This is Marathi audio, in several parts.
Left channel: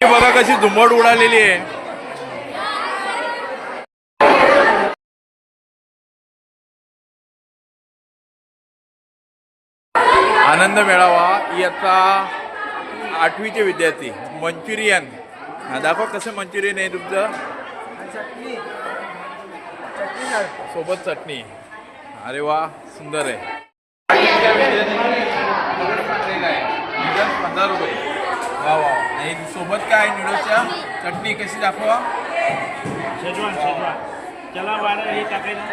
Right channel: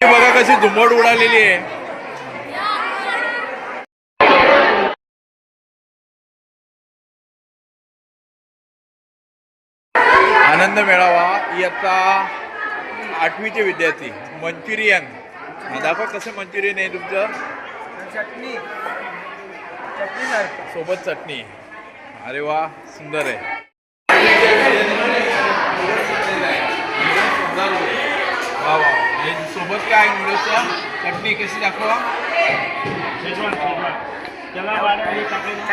बघा कशी झुंबड उडालेली आहे. आनंद मेळावा इयत्ता 8वीचे विद्यार्थी. मंचुरियन दाखवा कसं मंचुरियन आहे तुमचं. चटणी सोबत चटणी. अरे वा सुंदर आहे. 15 रुपये. वा वा. हे सोबत काय नूडल्सच्या चटणी कशी दाखवा. त्याला हे टाकायचं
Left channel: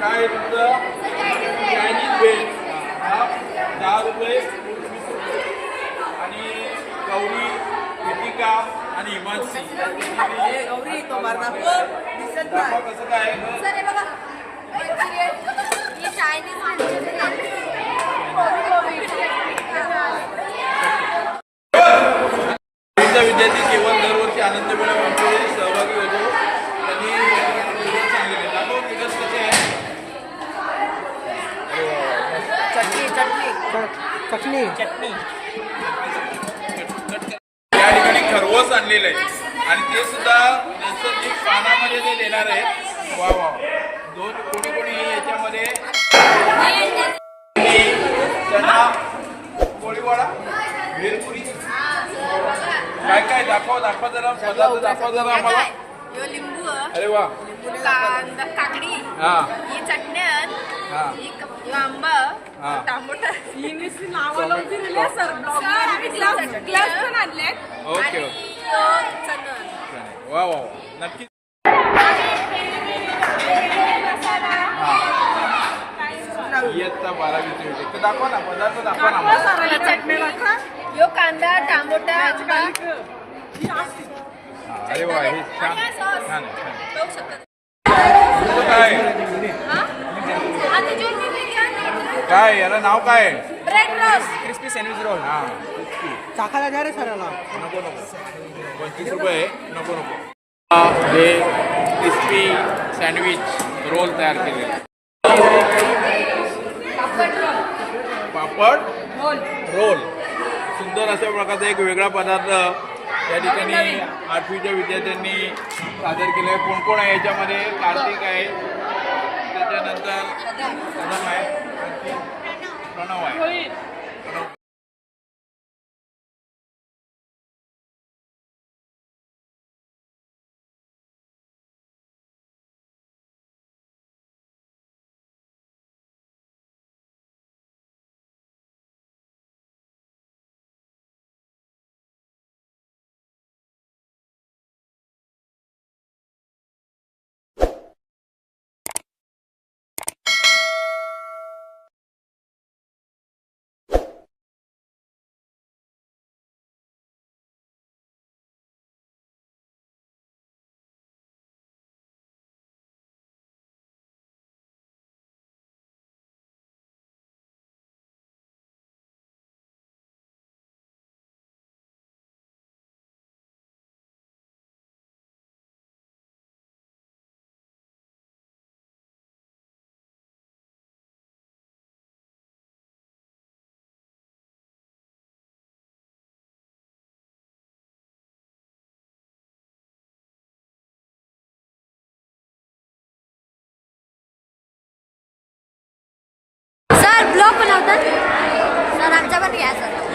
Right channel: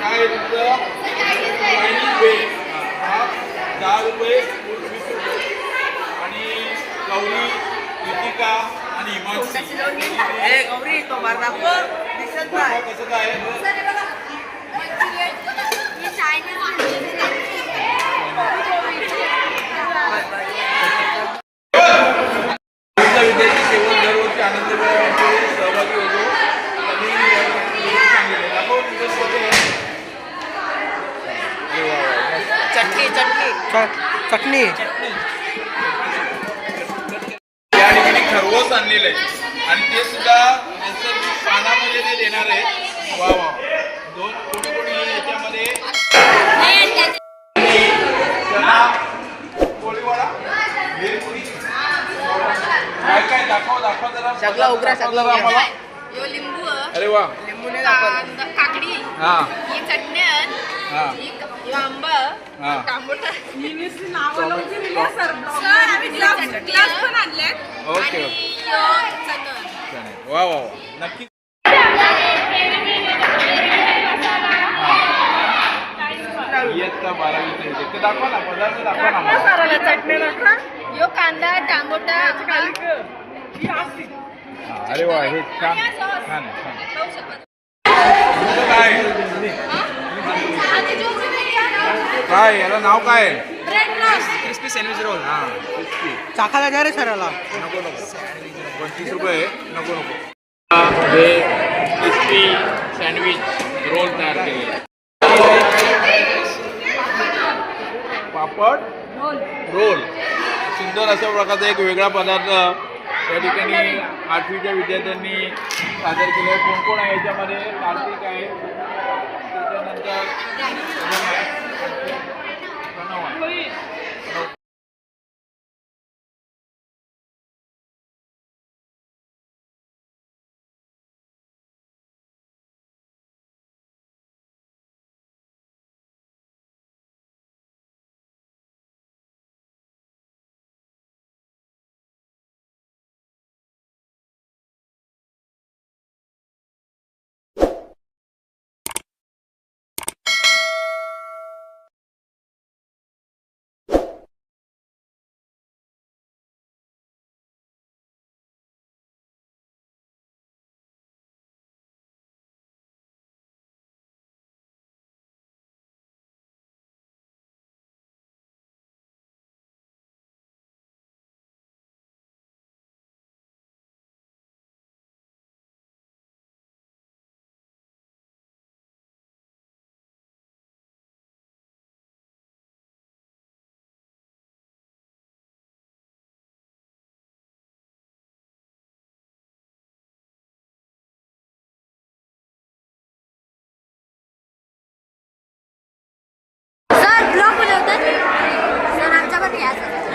काय तुमचं 10 रुपये आणि गौरी युतिका आणि हिमांशी. गौरी तो मारदापूर दिसत नाही कसं काय. विद्यार्थी केवळ दरवर्षी आनंद मेळाव्यामध्ये सहभागी होतो. चटणी या ठिकाणी खरवस आणलेलं आहे आणि ते सुद्धा नैसर्गिक पानामध्ये ते देणार आहेत. वा वा. कोणी याच्यामध्ये चणा कोळीवाडा भेलपुरी काय काय दाखवा जरा. दाखवा जरा आम्हाला. लिंबू. अरे वा. काकडी. हा ही चटणी. आंबा. टमाटर. ग्लास पण आणले. ओके वा वा नक्की. इयत्ता 12वीचे ते दाखवा ना. पदार्थ दाखवा ना. यो कांदा टमाटा. अरे वा हे छान छान काय काय याला नाव काय. Crispy sandwich roll. हां चाखायला द्या रे सराला. नको 25 रुपये. नको हे क्रिस्पी सँडविच रोल तयार केलेले. पापड रोल. सुंदर अशा प्रकारचा एक वेगळा पदार्थ या ठिकाणी 8वीच्या विद्यार्थ्यांनी सादर केलं आहे. कोण कोण आहे याच्यामध्ये. कार्तिक आहे, त्याच्यानंतर प्रणव आहे.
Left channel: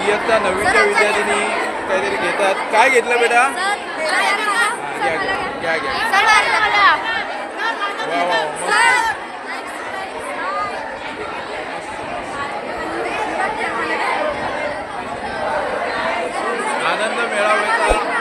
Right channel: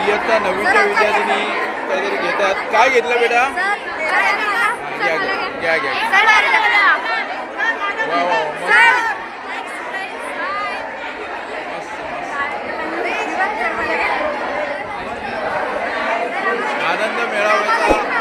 इयत्ता 9वीच्या विद्यार्थ्यांनी काहीतरी घेतात. काय घेतलं बेटा. घ्या वा वा मस्त. आनंद मेळाव्याचा